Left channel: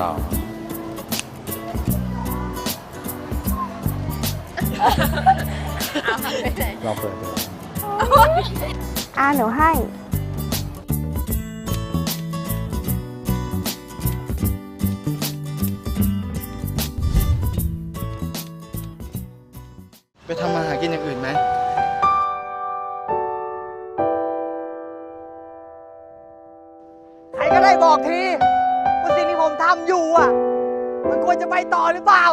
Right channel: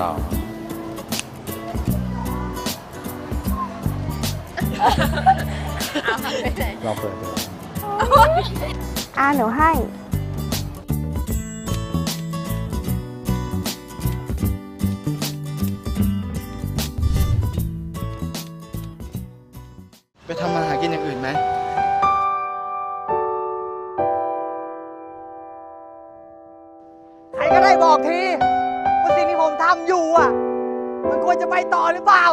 สองเอาหันไปไหนลองเปิดดูอ่าหนูให้ ไปทำมาหากินอย่างอื่นไหม ใครก็ได้บอกที ว่าสิ่งที่ผมทำอยู่อะ มันควรจะไปต่อหรือเปล่า